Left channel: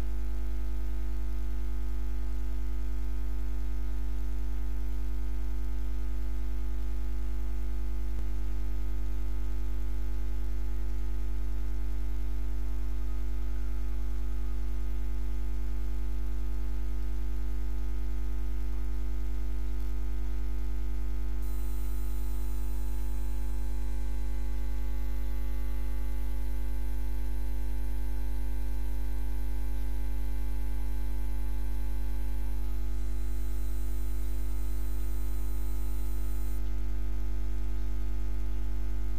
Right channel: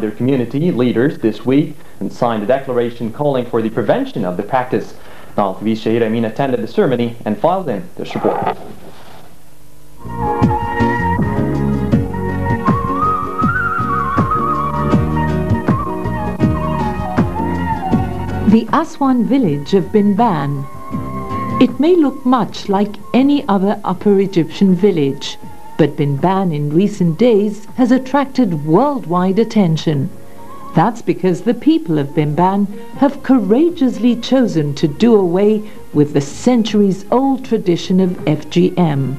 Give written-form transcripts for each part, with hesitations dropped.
Their community leaders this week and signed a declaration calling for the prevention of the practice. Nile TV's Shahid Amin attended the ceremony and filed in this report. The Aswan village of Binban. It may look much like any other Upper Egyptian village, but Binban in recent days has attracted worldwide attention. That's because the people of Binban have courageously chosen to do away with the centuries-old tradition of FGM.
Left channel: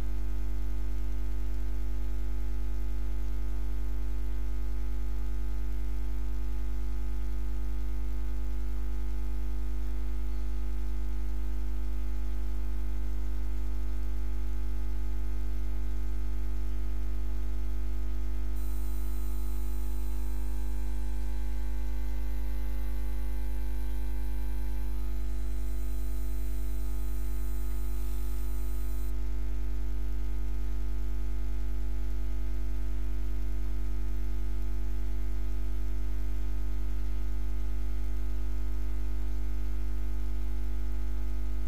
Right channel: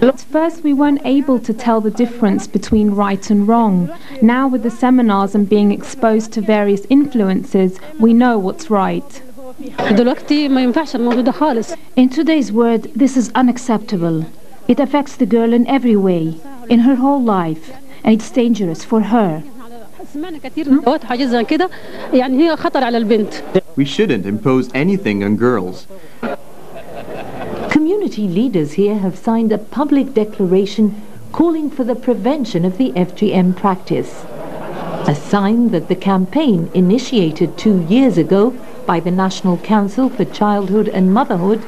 At first we weren't able to tell the difference between right and wrong. Now with the seminars and being exposed to various influences, we know what's right. In today's world, this is unacceptable. It affects the girl in every way, in her whole life, and it's dangerous for her. We shouldn't impose anything on girls. Community leaders here have signed a public declaration calling for the prevention of the FGM practice. A sign that the campaign, initiated 2 years ago by the National Council for Childhood and Motherhood,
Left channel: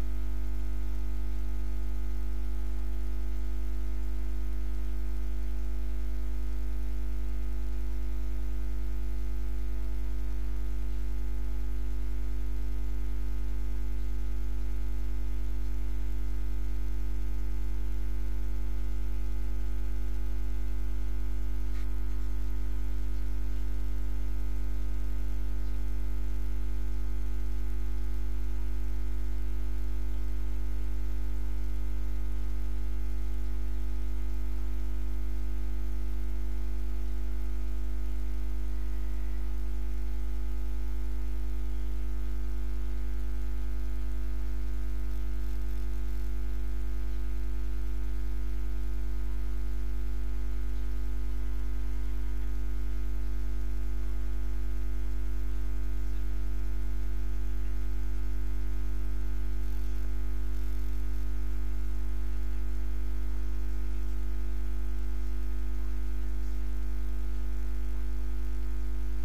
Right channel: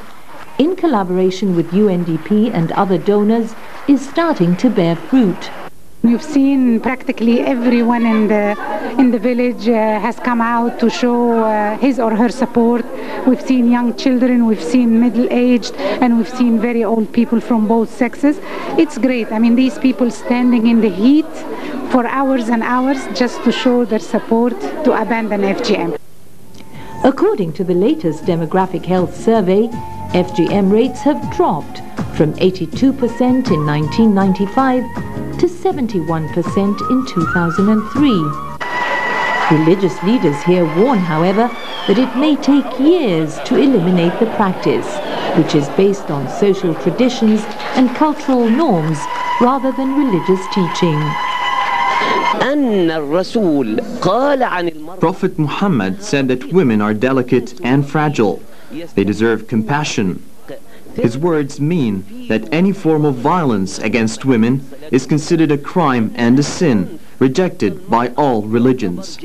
in collaboration with UNDP and other donors, is starting to bear fruit. You've seen practically everyone in the village has come out to show his or her support. We've seen young children, we've seen middle-aged, and we've seen very old people from both sexes. It's great. I mean, these people standing in the heat for hours and hours just to show their support to abandon FGM. According to the latest demographic health survey, FGM rates have dropped from 82% in 1995 to 71% in 2003. Religious leaders here warn, however, that it may take years to eliminate the practice, which is based on social traditions and cultural norms rather than religious teaching. Prophet Muhammad said that women are delicate and fragile. They deserve compassion. His words mean that any form of violence against women is considered a crime and a sin, rejected by all religions.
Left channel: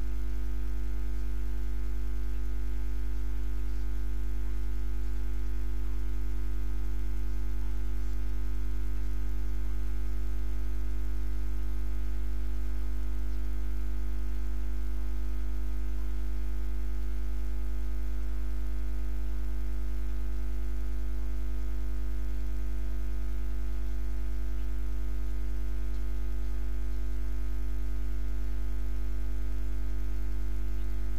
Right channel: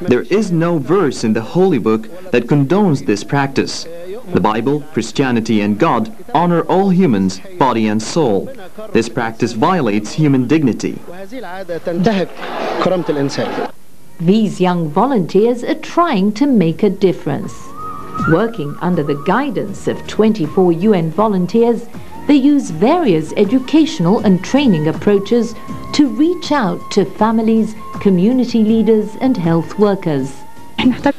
There is no verse in the Holy Book that condones this practice. The Bible, Christianity, and God honor all humans, body and soul. This practice violates human dignity. These young volunteers are trying to make a difference. Working under the guidance of 24 UN volunteers, they use various educational and training approaches to reach out to families, community leaders, and health workers.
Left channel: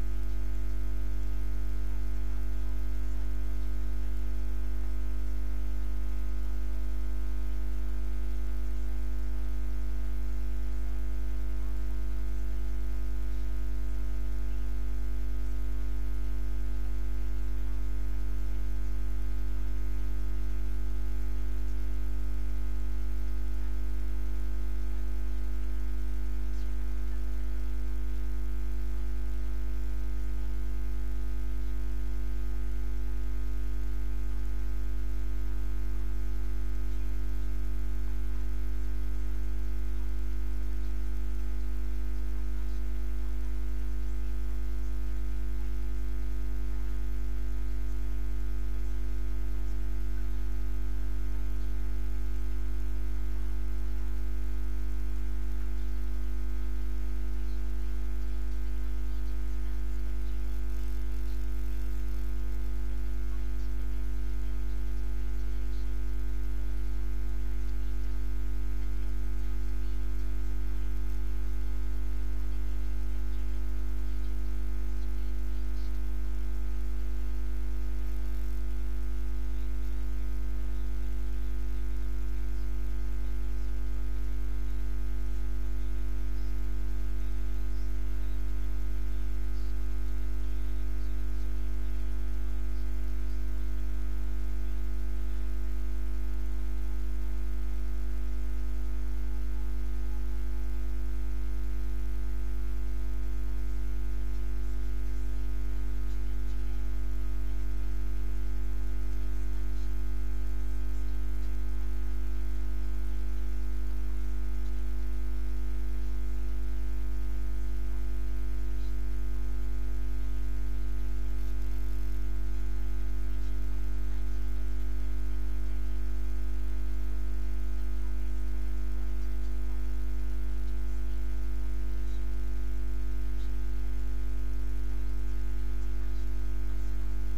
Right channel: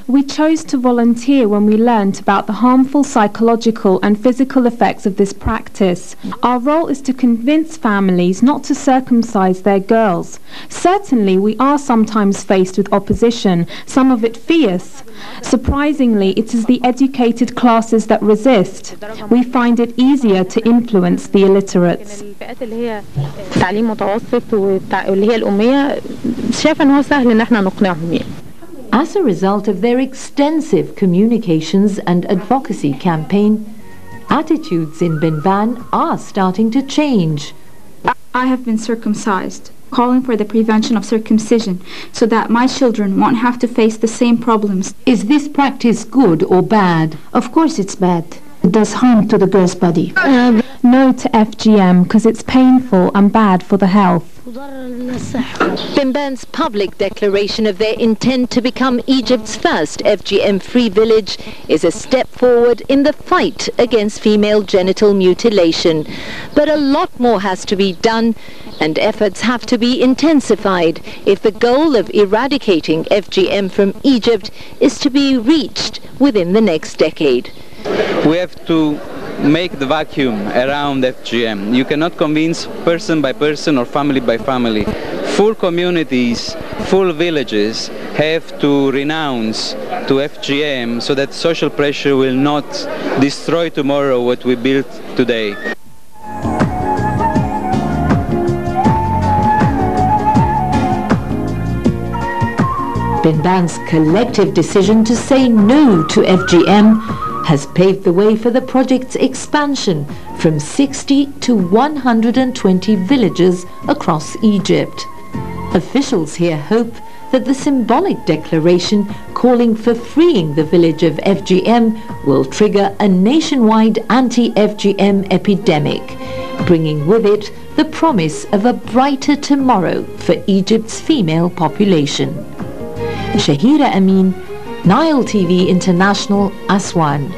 We chose to volunteer when we learned about the harmful psychological and physical effects of this practice. Our role is to convince families not to circumcise their girls. Certainly, we are sometimes faced with opposition, some of it fierce. Surprisingly, it is the educated classes that resist. We find it easier to influence the illiterates. As a result of their extensive communications and advocacy campaign, attitudes in Binban are starting to change. I have been circumcised, calling for the prevention of circumcision so that my children won't have to face the same problems. Is this practice good or bad? Of course it's bad. It does harm to the girl's body. No to FGM because it's painful and bad for the health. Binban's public declaration of their intent to become Egypt's first FGM-free village is a step forward in the fight against female genital mutilation. But a lot more has to be done, and efforts have to be intensified if the goal of eradicating FGM from Egypt is to be reached within the next decade. We have to make the vacuum around FGM. You cannot convince person by person or family by family. Full communities, full villages have to renounce to FGM so that social pressure will not destroy tomorrow what we built today. Binban's collective decision to say no to FGM has paved the way for the project's expansion from 60 to 120 villages across Egypt. Officials here hope that the symbolic declaration calling for freeing the village of FGM will trigger a nationwide anti-FGM epidemic, bringing with it the promise of a brighter tomorrow for Egypt's female population. Shahira Amin, Nile TV International, Aswan.